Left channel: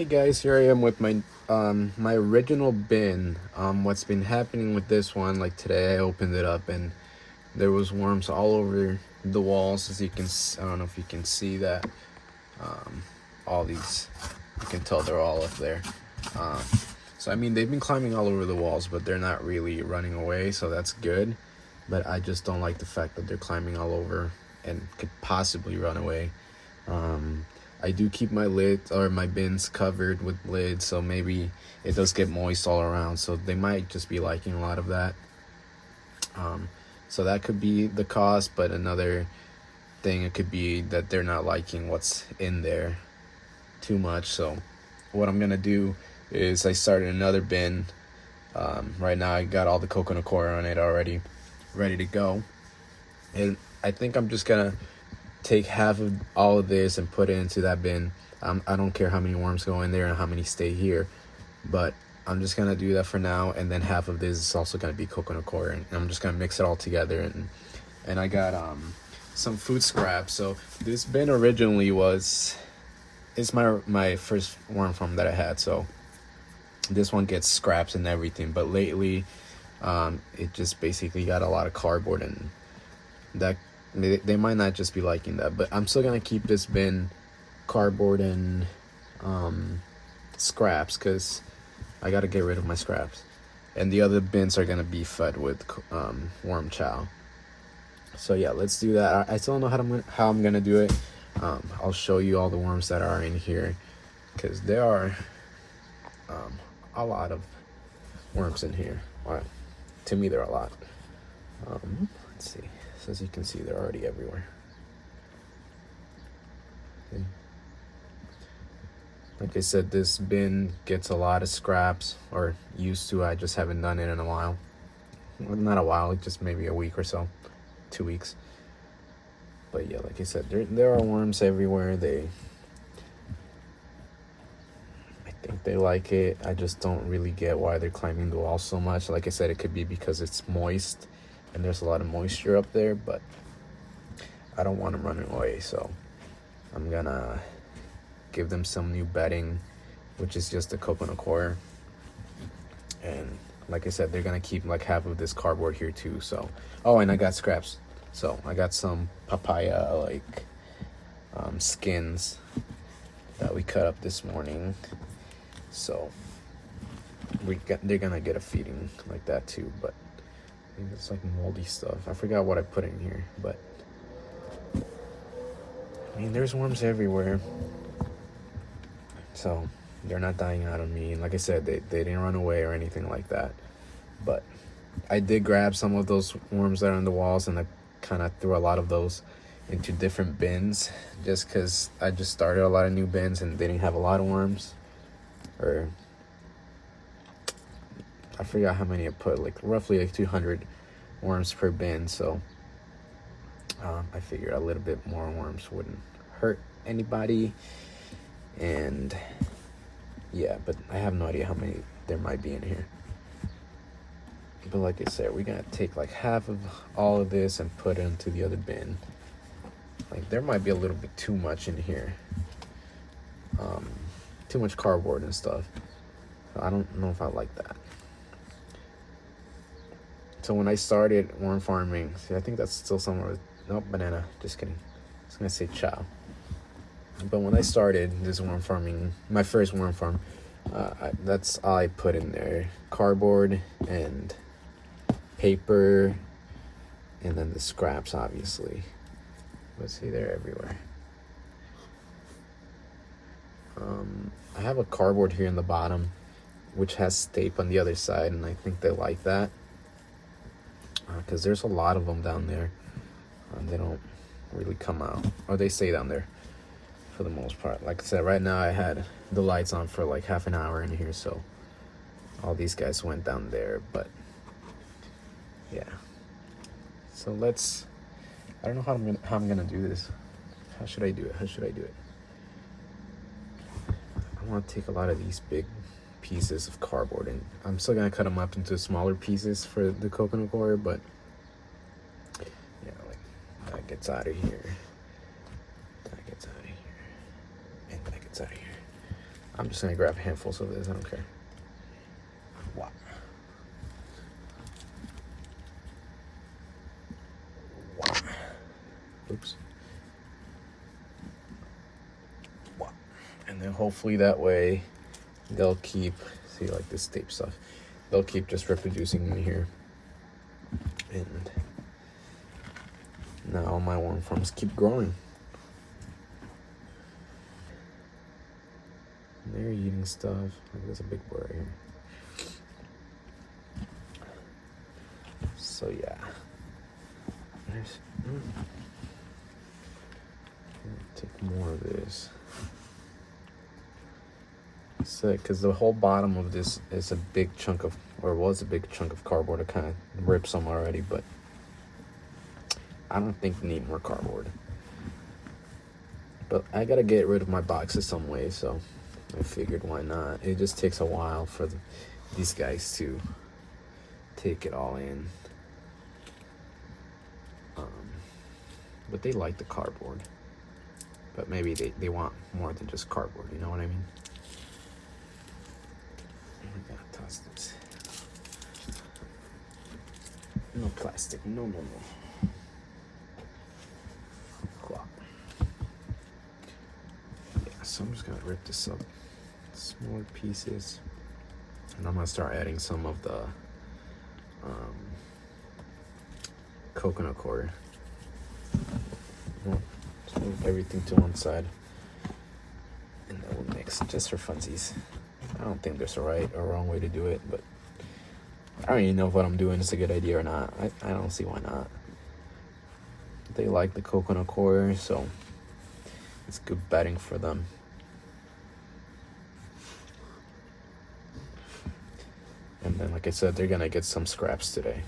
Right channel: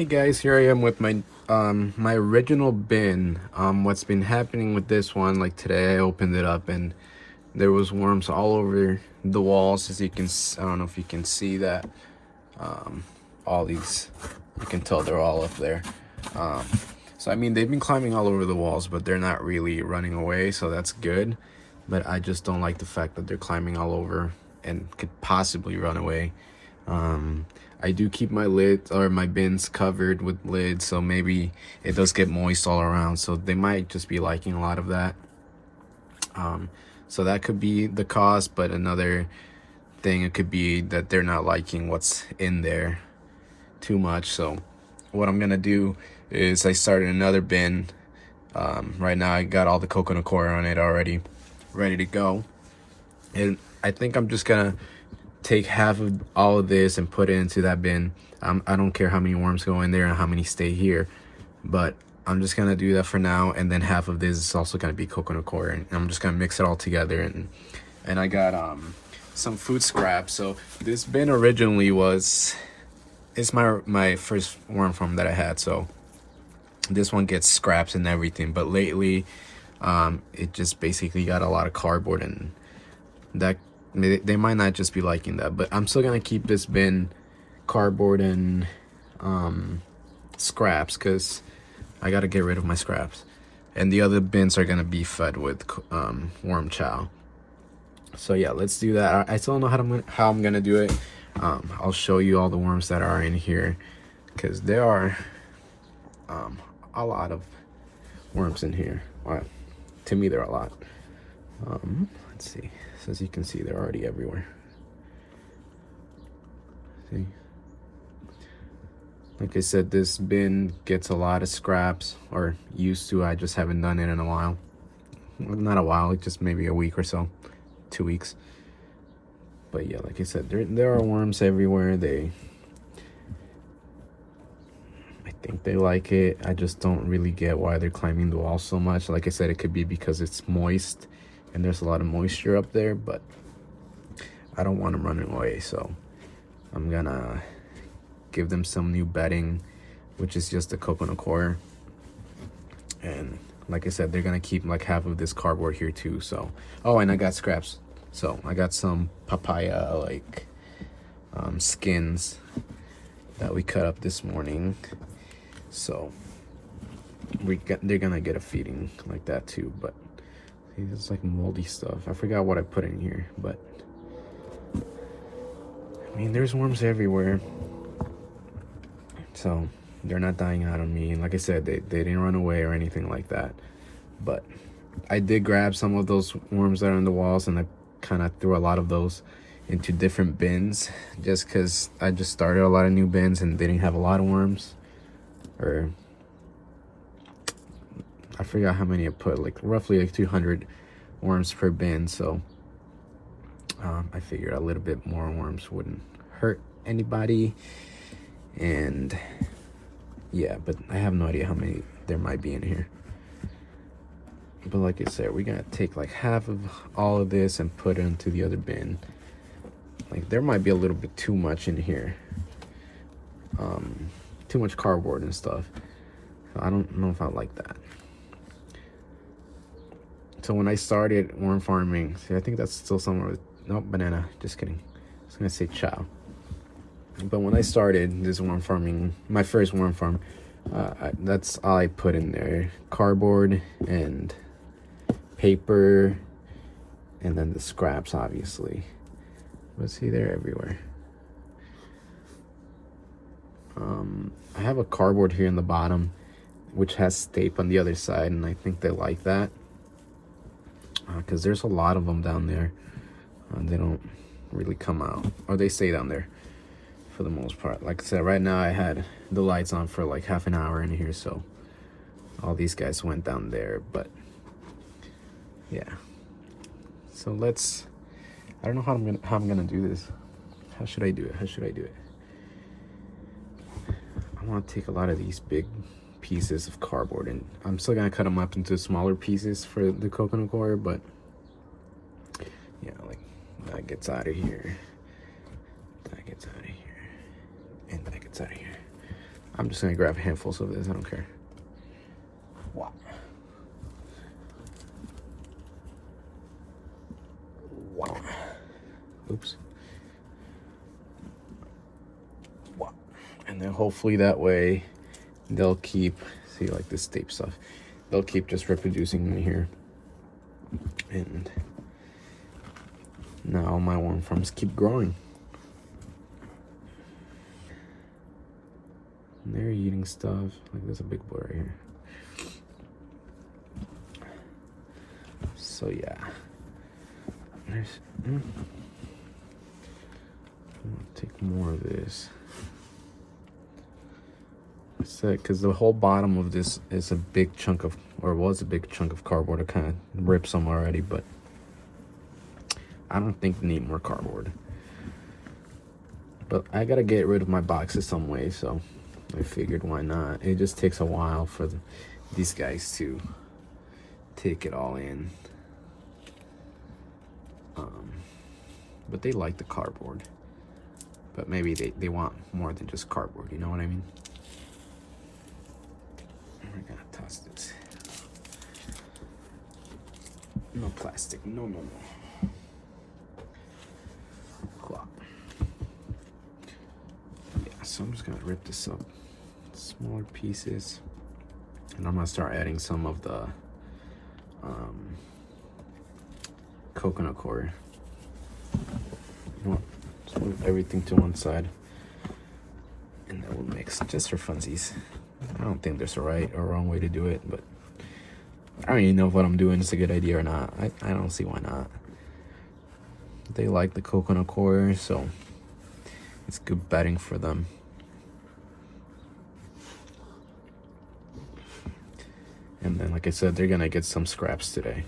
Hey guys, here I am with my original bin. What's been happening with this one, like today I opened it up and there was worms all over the walls. As you can, I don't know if you can see that. All these, you can tell they're all up there. Um, so I mean, they've been climbing all over the walls, but they're not really running away, so that's good. But I just don't like the fact that they're climbing all over and could possibly run away. Um, I do keep my lids or my bins covered with lids, so maybe it does get moist all around. So they might just be liking a lot of that. Um, so that could be the cause, but another thing, it could be that they're not liking what's in there too much. So what I'm gonna do is I started another bin. Right now I got all the coconut coir on it already, ready to go. And I think I'm just gonna take half of all of this and put it into that bin. I don't care how many worms go in there and how many stay here, but I'm just gonna do that for now. And then half of this is also gonna be coconut coir, and I'm just gonna mix it all together. And I got some food scraps. So this bin originally it's my first worm farm that I had. So this one gets scraps and everything, but lately it just basically got a lot of cardboard, and that they might not just be liking that. But I'm still gonna keep this bin cardboard and scraps, because I gotta get rid of my scraps, and the other bins are gonna be fed with worm chow. So yeah, let's do that. I still don't know how I'm gonna do it. I'll show you all the worms that are in here, because there are a lot of worms in here. But to me, there are a lot. Let's see. So as you can see, they're already everywhere. See? Like I said, this bin gets a lot of scraps, or used to. I just haven't done it in a while. Well, not a while, like just maybe a week or so, 2 weeks. But yeah, like I said, there are worms everywhere. I think they like it. I just don't really get why they're climbing the wall so much. Like I said, it could be because it's moist and there's a lot of moisture up there, but I don't want them running away, so I'm gonna give them some new bedding, which is just a coconut coir. And like I said, they're gonna keep like half of this cardboard here too. So, oh, and I got scraps. So I got some papaya like skins that we cut up this morning. So they're gonna get a feeding like that too. But it's like moldy stuff. I forgot what I put in here, but I mean, there's worms everywhere. So they're not dying out on me. And like I said, they didn't run away or anything like that. But I did grab some of those worms that are on the walls, and I kind of threw a lot of those into different bins, just because I just started a lot of new bins and they didn't have a lot of worms. Or I forgot how many I put, like roughly like 200 worms per bin. So I figured a little bit more worms wouldn't hurt anybody. And yeah, but I have no idea how many there might be in here. But like I said, we're gonna take like half of all of this and put it into the other bin. Like there might be a little bit too much in here, too much cardboard and stuff. I don't know if I like that. So when I started worm farming, see, I think that's still somewhere. Nope, banana. Just kidding. I was gonna say chow. But when I started this worm farming, my first worm farm, that's all I put in there: cardboard and paper, and then the scraps, obviously. But see, they're everywhere. I have a cardboard here in the bottom, which has tape on the other side, and I think they like that, because there's a lot of them down there. They don't really come out, or they stay down there for the most part. Like I said, right now I had the lights on for like half an hour in here, so all these guys went down there. But yeah, so I don't know how I'm gonna do this. How should I do it? I want to take a lot of these big pieces of cardboard, and I'm still gonna cut them up into smaller pieces for the coconut coir, but yeah, like that gets out of here, and that gets out of here. I'm just gonna grab handfuls of this, I don't care. Wow. Wow. Oops. Wow. And then hopefully that way they'll keep, see, like this tape stuff, they'll keep just reproducing in here. And now my worm farms keep growing. And they're eating stuff. Like, there's a big blur here. So yeah. Take more of this. So, because the whole bottom of this is a big chunk of, or was a big chunk of cardboard. It kind of ripped some already, but I don't think I need more cardboard. But I gotta get rid of my boxes some way, so I figured why not. It just takes a while for these guys to take it all in. But they like the cardboard. But maybe they want more than just cardboard, you know what I mean? We're gonna toss this. No plastic, no, no, no. Yeah, so I'm just gonna rip this up. Smaller pieces. And I'm gonna start adding some of the coconut coir. Just move everything to one side. And then we'll mix just for funsies. I don't think there's a right or wrong way to do it, but I don't even know if what I'm doing is a good idea or not. I don't see why not. They like the coconut coir, so it's good bedding for them. And then, like I said, they're gonna get some scraps today.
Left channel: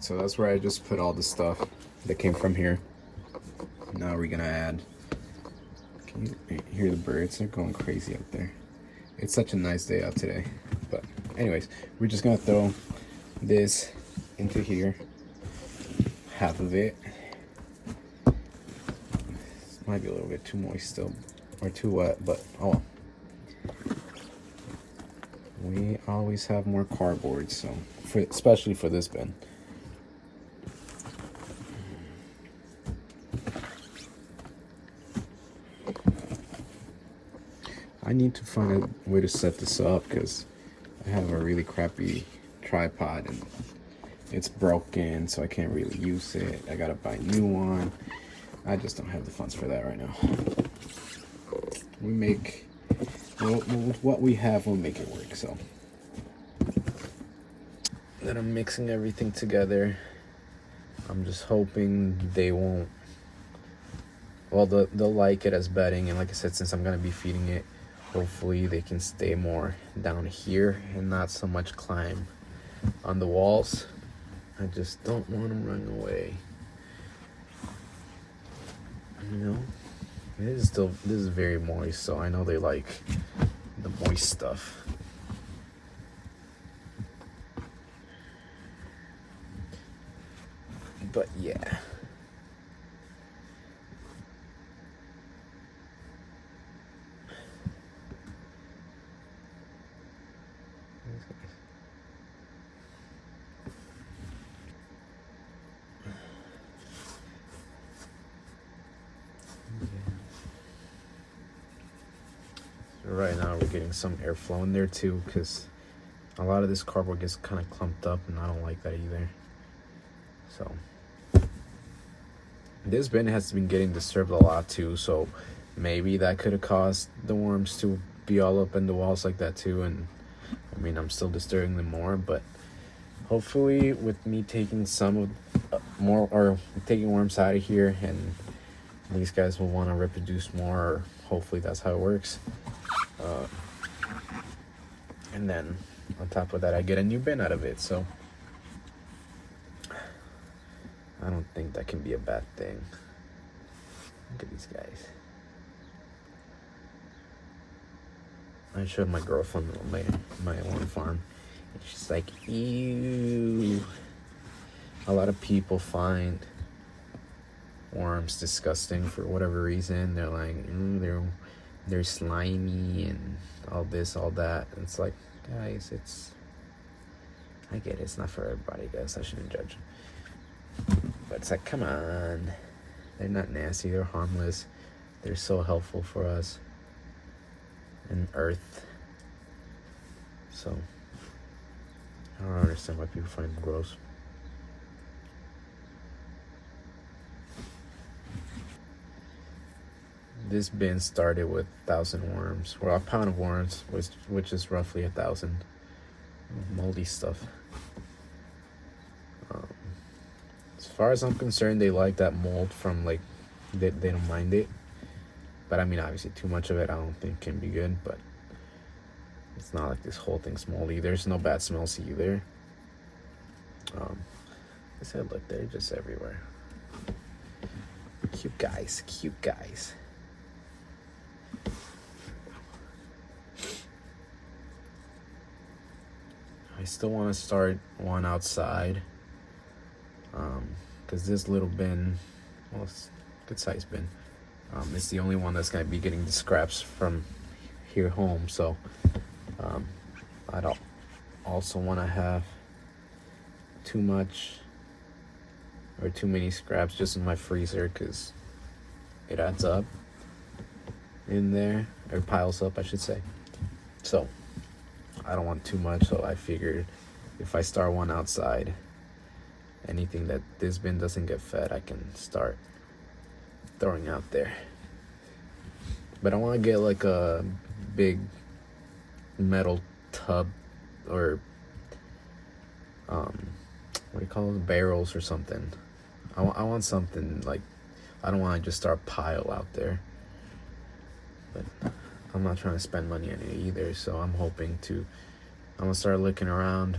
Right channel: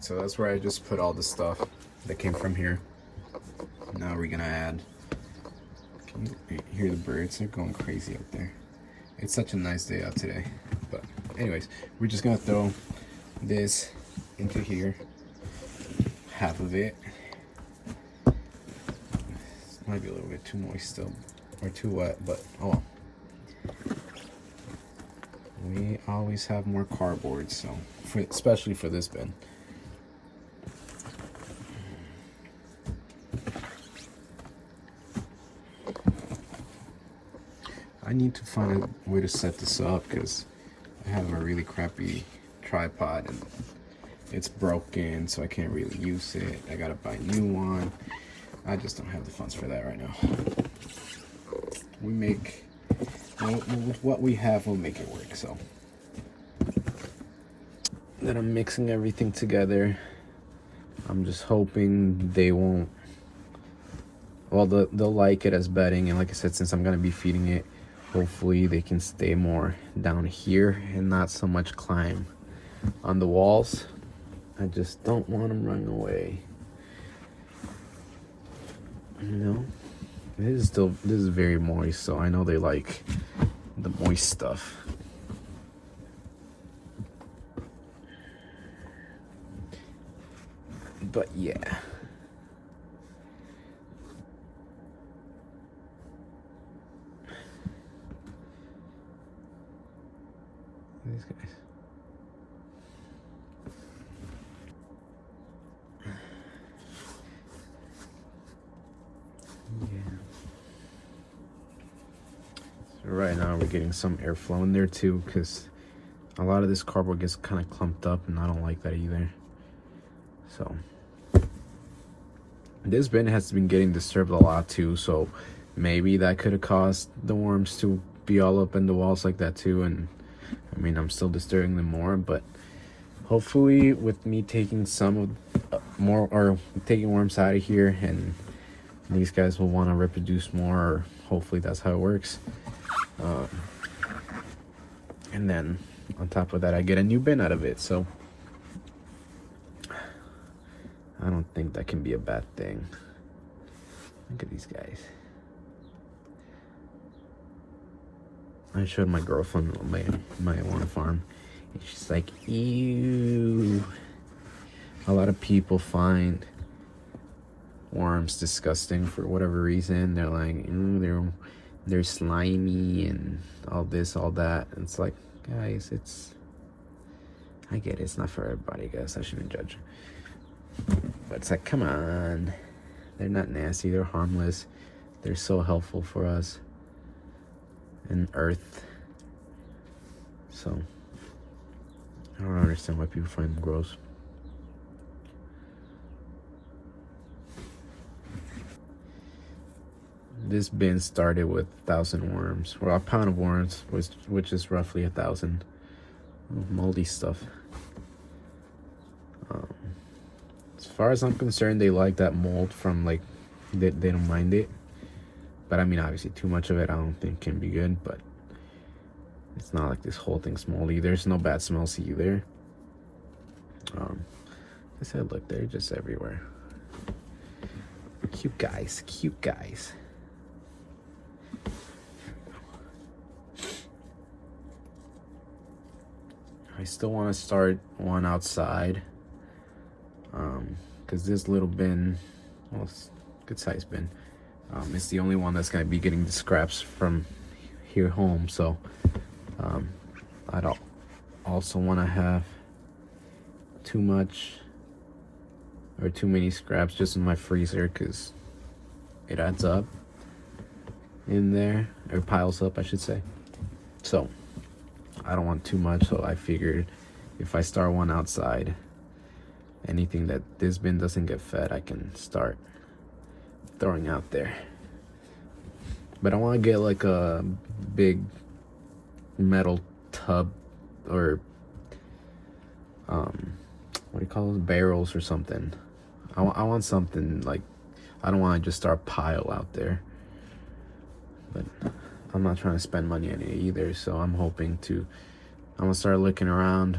So that's where I just put all the stuff that came from here. Now we're gonna add, can you hear the birds? They're going crazy out there. It's such a nice day out today. But anyways, we're just gonna throw this into here, half of it. This might be a little bit too moist still, or too wet, but oh. We always have more cardboard, so especially for this bin. I need to find a way to set this up because I have a really crappy tripod and it's broken, so I can't really use it. I gotta buy a new one. I just don't have the funds for that right now. We make, with what we have, we'll make it work. So then I'm mixing everything together. I'm just hoping they won't, well, they'll like it as bedding, and like I said, since I'm gonna be feeding it, hopefully they can stay more down here and not so much climb on the walls. I just don't want them running away. You know, this is very moist, so I know they like the moist stuff. But yeah. Right now we're getting some airflow in there too, because a lot of this cardboard gets kind of clumped up and I don't like that either. So this bin has been getting disturbed a lot too, so maybe that could have caused the worms to be all up in the walls like that too. And I mean, I'm still disturbing them more, but hopefully with me taking some of more, or taking worms out of here, and these guys will want to reproduce more, or hopefully that's how it works. And then on top of that, I get a new bin out of it, so I don't think that can be a bad thing. Look at these guys. I showed my girlfriend my worm farm, and she's like, ew. A lot of people find worms disgusting for whatever reason. They're like, they're slimy and all this, all that. And it's like, guys, I get it. It's not for everybody, guys. I shouldn't judge. But it's like, come on. They're not nasty. They're harmless. They're so helpful for us in Earth. So I don't understand why people find them gross. This bin started with 1,000 worms, well, a pound of worms, which is roughly 1,000 moldy stuff. As far as I'm concerned, they like that mold from like they don't mind it. But I mean, obviously, too much of it I don't think can be good. But it's not like this whole thing's moldy. There's no bad smells either. I said, look, they're just everywhere. Cute guys, cute guys. I still want to start one outside, because this little bin, well, it's a good size bin, it's the only one that's going to be getting the scraps from here home. So I don't also want to have too much or too many scraps just in my freezer, because it adds up in there, or piles up I should say. So I don't want too much, so I figured if I start one outside, anything that this bin doesn't get fed, I can start throwing out there. But I want to get like a big metal tub, or what do you call those, barrels or something. I want something like, I don't want to just start a pile out there. But I'm not trying to spend money on it either, so I'm hoping I'm gonna start looking around,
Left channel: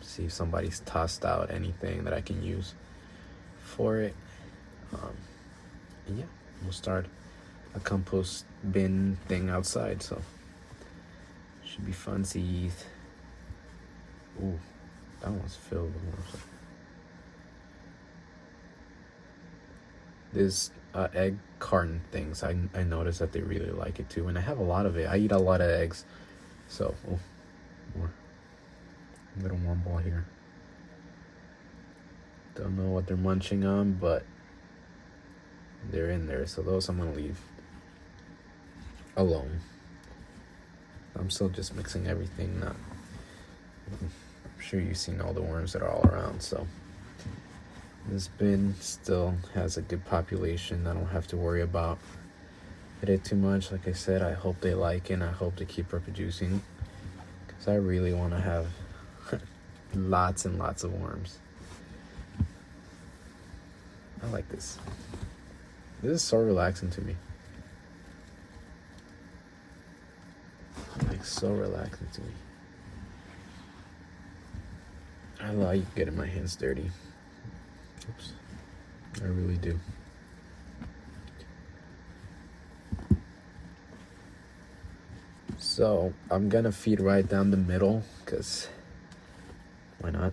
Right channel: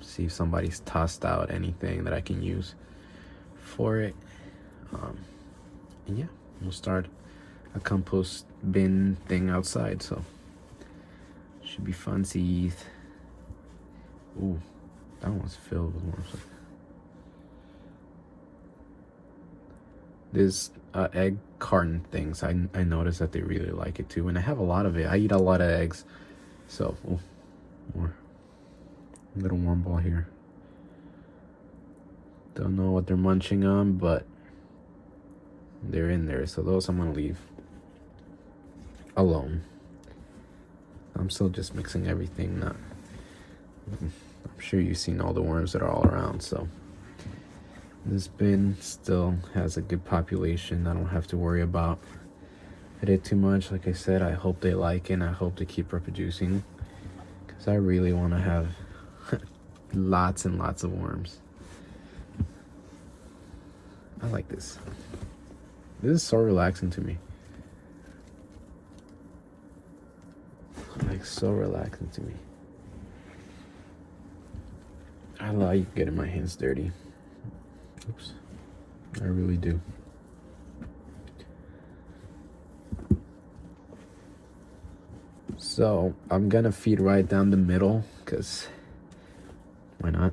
see if somebody's tossed out anything that I can use for it. And yeah, we'll start a compost bin thing outside, so should be fun. See, ooh, that one's filled with worms. This egg carton things, I noticed that they really like it too, and I have a lot of it. I eat a lot of eggs, so more little worm ball here. Don't know what they're munching on, but they're in there, so those I'm gonna leave alone. I'm still just mixing everything up. I'm sure you've seen all the worms that are all around, so this bin still has a good population. I don't have to worry about it too much. Like I said, I hope they like it, and I hope they keep reproducing, because I really want to have lots and lots of worms. I like this. This is so relaxing to me. Like, so relaxing to me. I like getting my hands dirty. Oops. I really do. So I'm gonna feed right down the middle, because why not?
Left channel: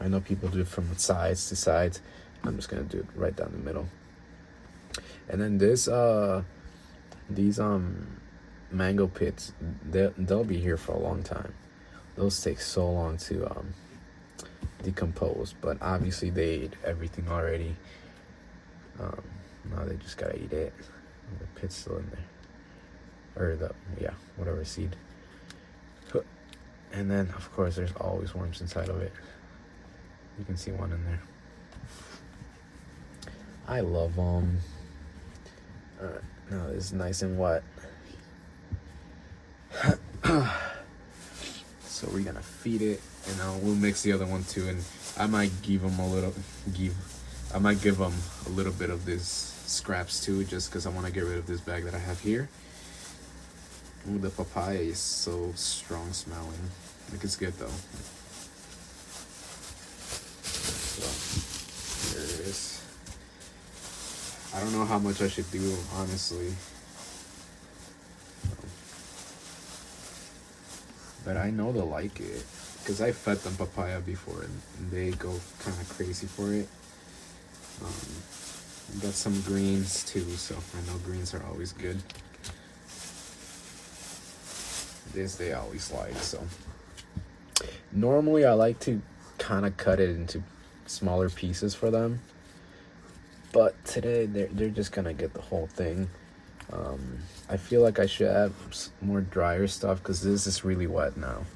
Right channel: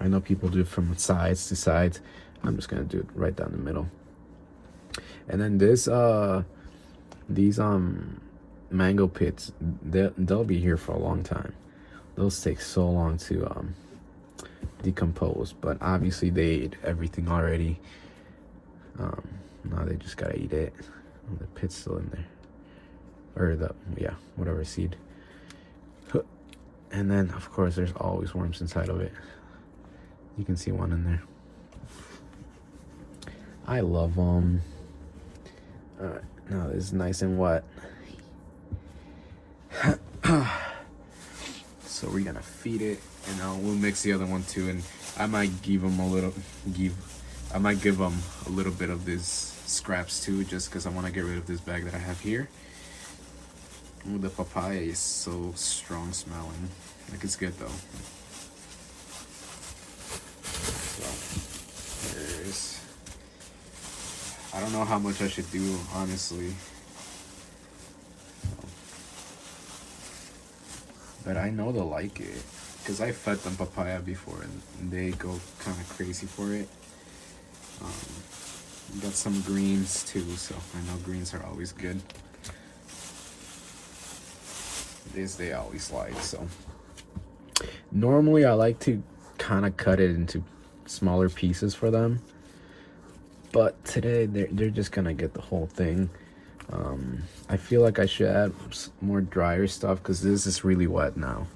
I know people do it from sides to sides. I'm just gonna do it right down the middle. And then these mango pits, they'll be here for a long time. Those take so long to decompose, but obviously they ate everything already. Now they just gotta eat it. The pit's still in there, or whatever seed. And then of course there's always worms inside of it. You can see one in there. I love them. Now it's nice and wet. So we're gonna feed it, and we'll mix the other one too. And I might give them a little bit of this scraps too, just because I want to get rid of this bag that I have here. Ooh, the papaya is so strong smelling. Like, it's good though. There it is. I don't know how much I should do, honestly. But I know they'll like it, because I fed them papaya before and they go kind of crazy for it. Got some greens too, so I know greens are always good. This they always like, so. Normally I like to kind of cut it into smaller pieces for them. But today they're just gonna get the whole thing. I feel like I should add more drier stuff because this is really wet now.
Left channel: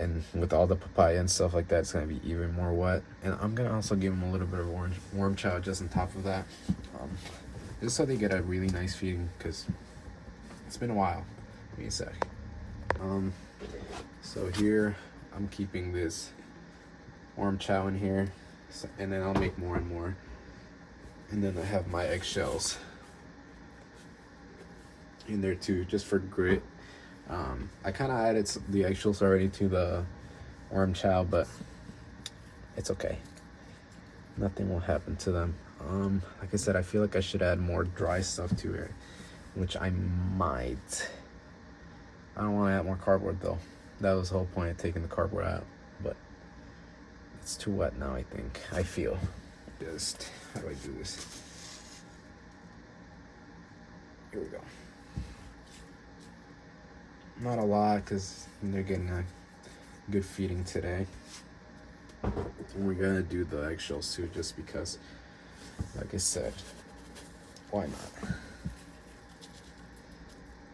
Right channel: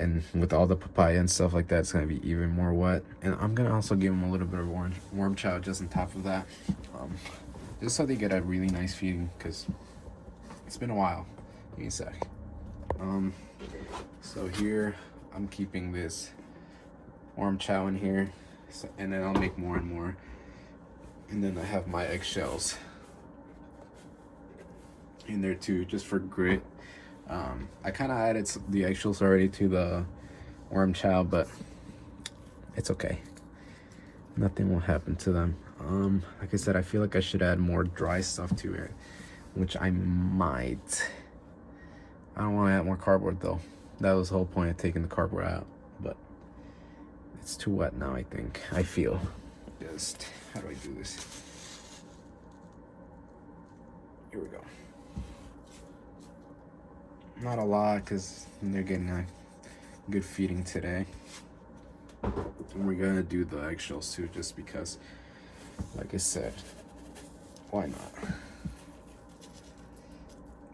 And with all the papaya and stuff like that, it's gonna be even more wet. And I'm gonna also give them a little bit of warm chow just on top of that, just so they get a really nice feeding. Cause it's been a while. Give me a sec. So here I'm keeping this warm chow in here, and then I'll make more and more. And then I have my eggshells in there too, just for grit. I kind of added the eggshells already to the worm chow, but it's okay. Nothing will happen to them. Like I said, I feel like I should add more dry stuff to it, which I might. I don't want to add more cardboard though. That was the whole point of taking the cardboard out, but it's too wet now, I think. I feel. Just, how do I do this? Here we go. Not a lot, because they're getting a good feeding today. And we're gonna do the eggshells too, just because, like I said, why not?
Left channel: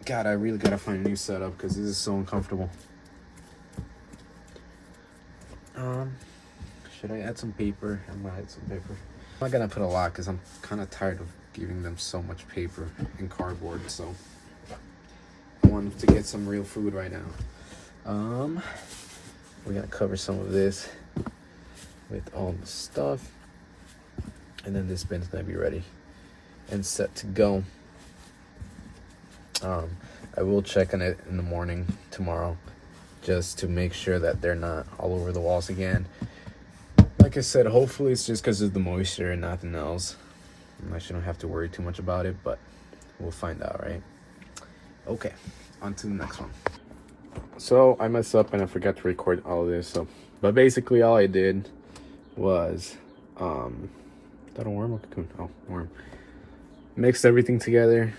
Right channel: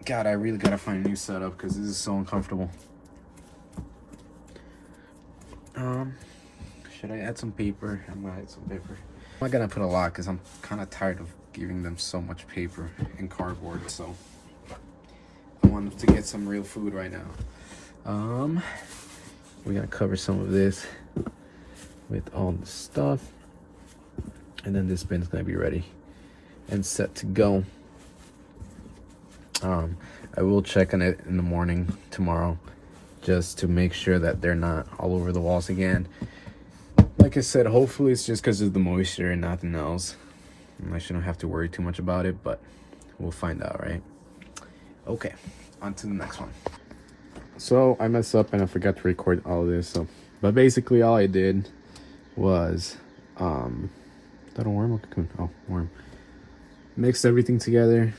God, I really gotta find a new setup because this is so uncomfortable. Should I add some paper? I'm gonna add some paper. I'm not gonna put a lot because I'm kind of tired of giving them so much paper and cardboard, so I want to get some real food right now. We gotta cover some of this with all the stuff, and then this bin's gonna be ready and set to go. I will check on it in the morning tomorrow just to make sure that they're not all over the walls again. Like I said, hopefully it's just because of the moisture and nothing else. I shouldn't have to worry too much about it, but we'll find out, right? Okay, on to the next one. So I messed up and I forgot to record all of this. But basically all I did was, is that a worm or cocoon? Oh, worm. Mixed everything together.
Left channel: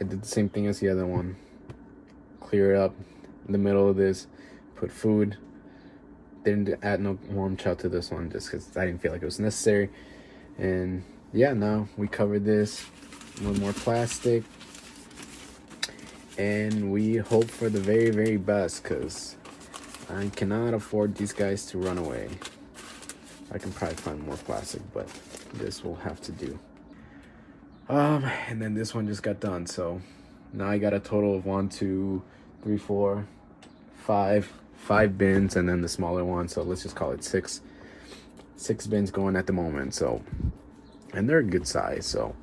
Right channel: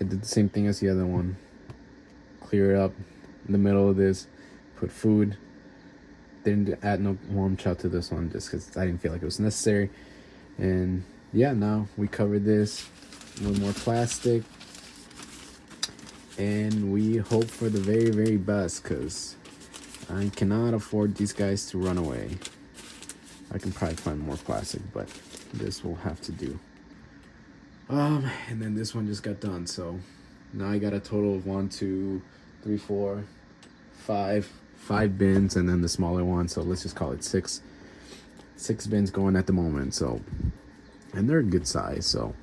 I did the same thing as the other one. Clear it up in the middle of this. Put food. Didn't add no warm chow to this one just because I didn't feel like it was necessary. And yeah, now we covered this with more plastic. And we hope for the very, very best because I cannot afford these guys to run away. I can probably find more plastic, but this will have to do. And then this one just got done, so now I got a total of 1, 2, 3, 4, 5 bins, and then the smaller one, so let's just call it 6 bins going at the moment. So, and they're a good size, so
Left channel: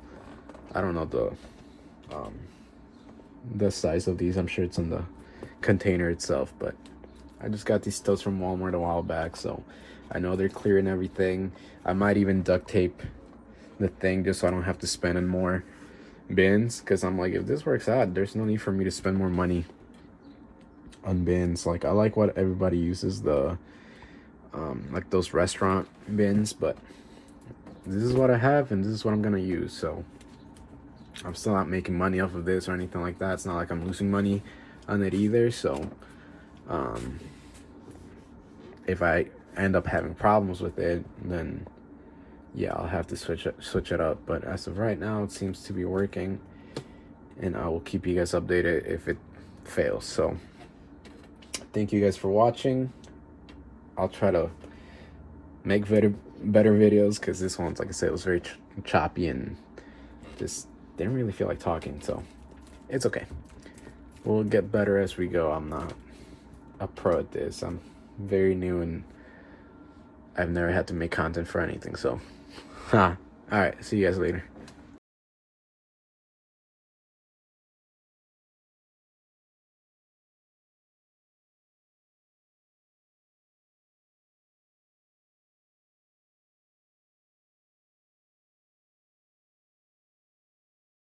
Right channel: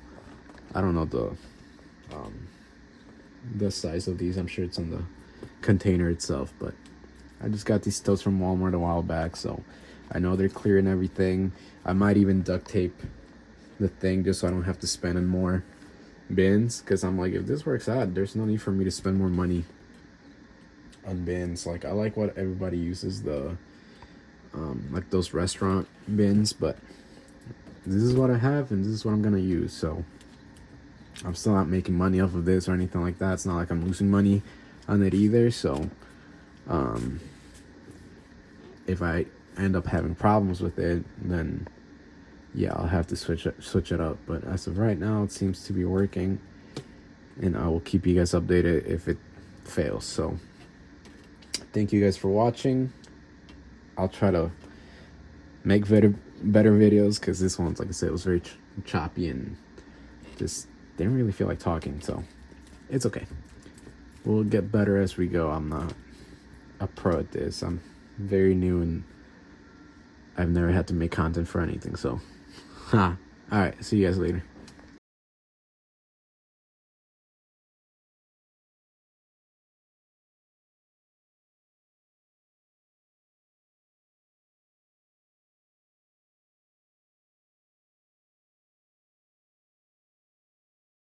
I don't know the size of these. I'm sure it's in the container itself, but I just got these totes from Walmart a while back, so I know they're clear and everything. I might even duct tape the thing just so I don't have to spend on more bins, because I'm like, if this works out, there's no need for me to spend more money on bins. Like, I like what everybody uses, the like those restaurant bins, but this is what I have and this is what I'm gonna use. So I'm still not making money off of this or anything like that. It's not like I'm losing money on it either. So if I end up having problems with it, then yeah, I'll have to switch it up. But as of right now, it seems to be working, and I will keep you guys updated if it fails. So thank you guys for watching. I'll try to make better videos, because this one, like I said, was very choppy and just didn't really feel like talking, so it's okay. We'll get better as we go. I'm not a pro at this. I'm very new and I've never had to make content for anything, so all right, see you guys later.